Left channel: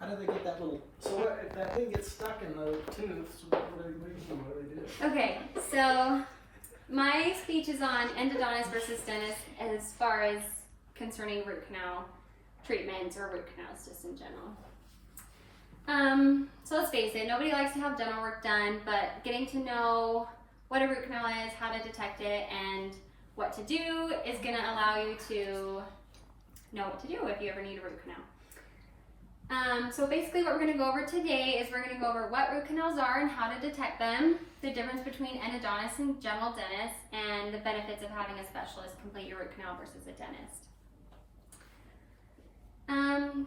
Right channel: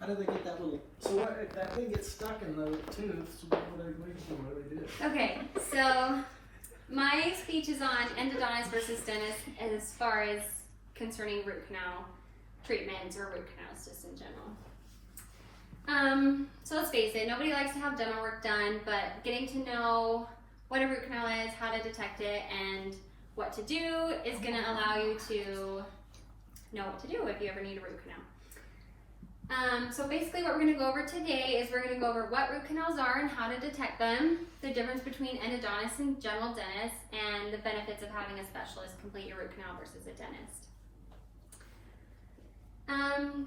How do they get that little, so what, if that thing gets stuck in the tooth, so what do they do? Okay, so my speech is on endodontist versus dentist as far as concerning root canal treatments or root canals just in general. So let's face it, nobody likes to have dental work done, but getting to know what a root canal is, how to detect it, and what to do is going to allow you to know what to do if you ever need a root canal. So basically what we're going to go over today is we're going to go over what root canals are and how to detect them, the difference between endodontists and general dentists, and the benefits of having a specialist complete your root canal versus a dentist.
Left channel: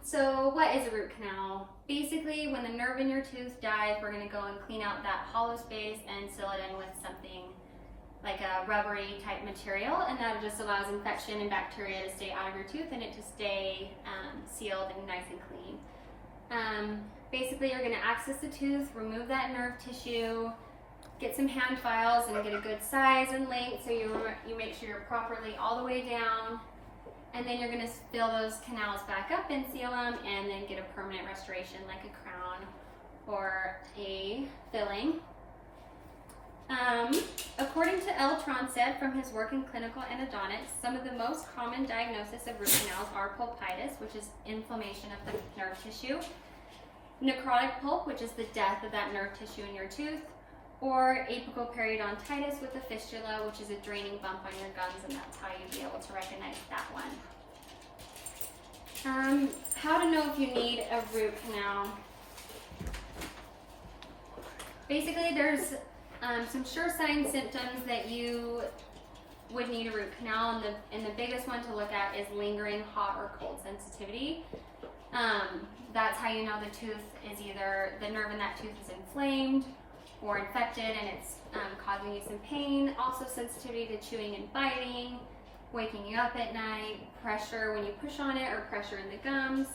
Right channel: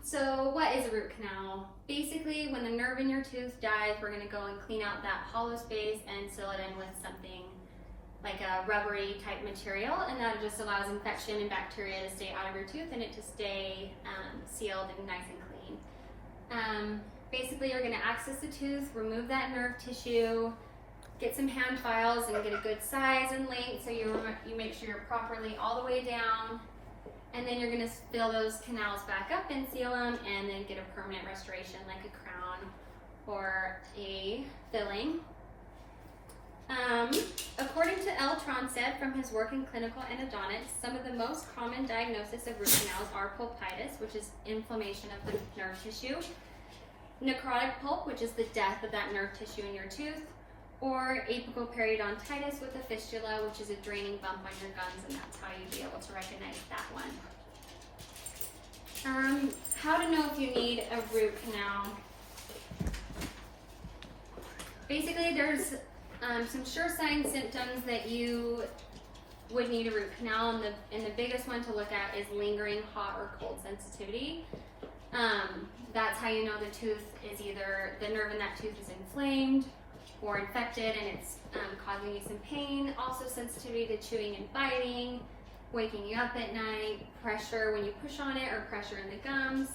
So what is a root canal? Basically, when the nerve in your tooth dies, we're going to go and clean out that hollow space and seal it in with something like a rubbery type material, and that just allows infection and bacteria to stay out of your tooth and it to stay sealed and nice and clean. Basically, you're going to access the tooth, remove that nerve tissue, get some hand files and get a good size and length so you make sure you're properly all the way down, and then you're going to fill those canals back up and seal them and then get a permanent restoration like a crown or a filling. According to L. Tronstedt from his work in clinical endodontics, some of the most common diagnoses of root canals are pulpitis, which is inflammation of the nerve tissue, necrotic pulp, which is the death of that nerve tissue in your tooth, or apical periodontitis with a fistula, which is a draining bump on your gums, and that's how you'd be able to recognize that one. How to know if you need a root canal. Basically, there's some sure sign symptoms that you would need a root canal, and the biggest one to look at is lingering hot or cold sensitivity. That's how you know the tooth is either, the nerve in that tooth is inflamed or infected and it's causing you some pain. Also sensitivity to chewing and biting, waking you up at night, pressure when you push on it or pressure in the gums.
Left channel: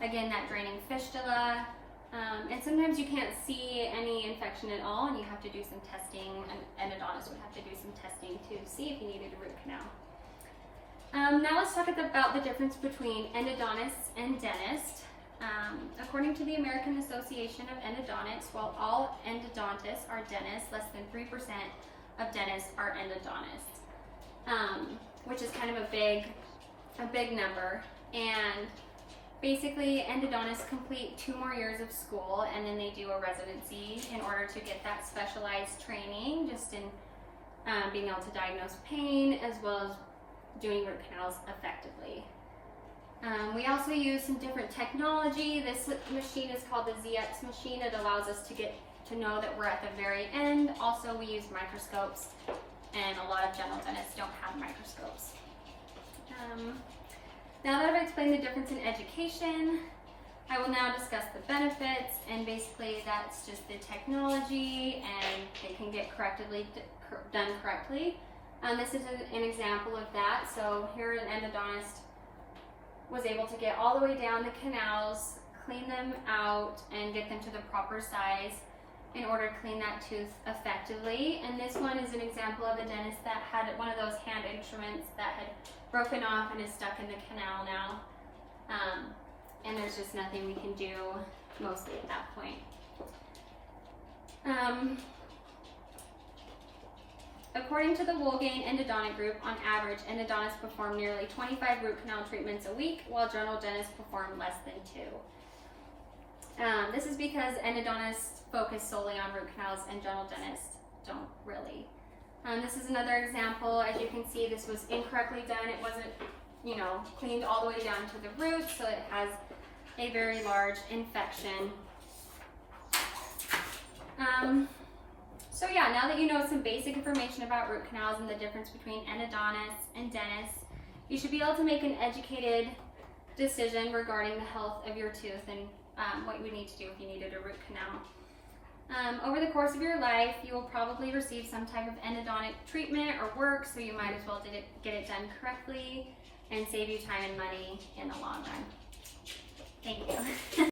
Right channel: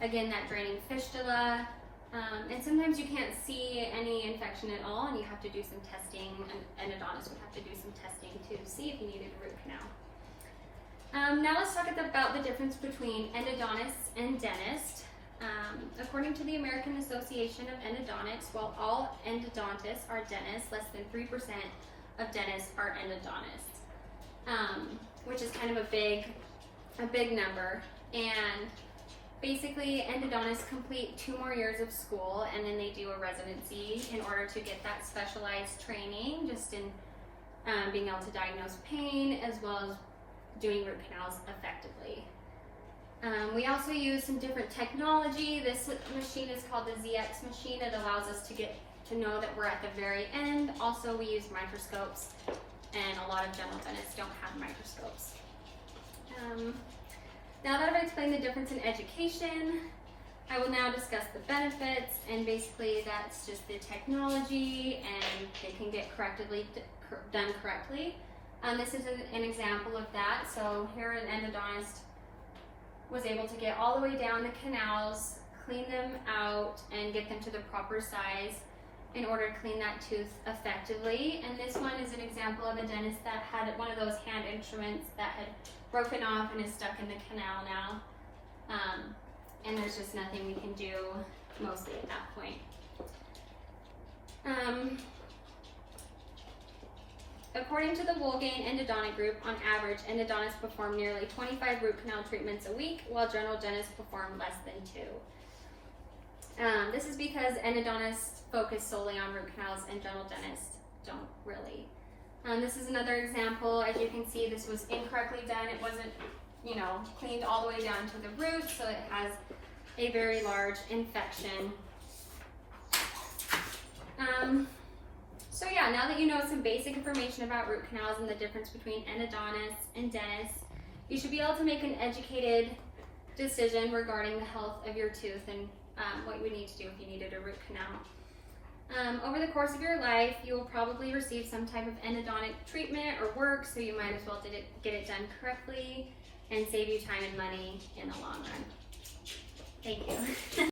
Again, that draining fistula. And sometimes you can't see any infection at all and you have to do some testing. An endodontist would have to do some testing to see if you needed a root canal. Now let's talk about the difference between endodontists and dentists. According to the American Association of Endodontics, while all endodontists are dentists, less than 3% of dentists are endodontists, which is kind of a big number. And basically, endodontists complete 2 more years of school and then they do a residency in order to get that specialized training just in being able to diagnose pain as well as doing root canals effectively. We also use some different technology. This machine is called the ZX machine. It allows us to get to know that we're at the very end. Also, we use microscopes, and a lot of general dentists don't have microscopes. Now that I've explained the difference in education, I will now discuss the benefits, and basically that's just the technology and it can get done correctly. This is an example of that. So here an endodontist was able to get all the way down the canals, clean them out, and get them to the proper size in order to clean that tooth effectively. And this one is an example of a dentist that had one of those hand instruments that had broken off and is stuck in the canal now. And there's just nothing we can do mostly at that point. According to the Wolfgang Endodontic Group, on average, endodontists perform nearly 25 root canal treatments a week, while general dentists perform less than 2. This is because endodontists focus solely on root canals and general dentists don't really. This is another example. As you can see, this was incorrectly done. It wasn't, cleaned all the way down to the root, so it has a very large infection. So yeah, now that you know some basic information about root canals and the difference between endodontists and dentists, you should be able to make an educated decision regarding the health of your tooth and what you would need to do if you needed a root canal. Over the course of your life, you will probably receive some type of endodontic treatment or work, so you might as well get it done correctly and save you time and money in the long run. Thank you.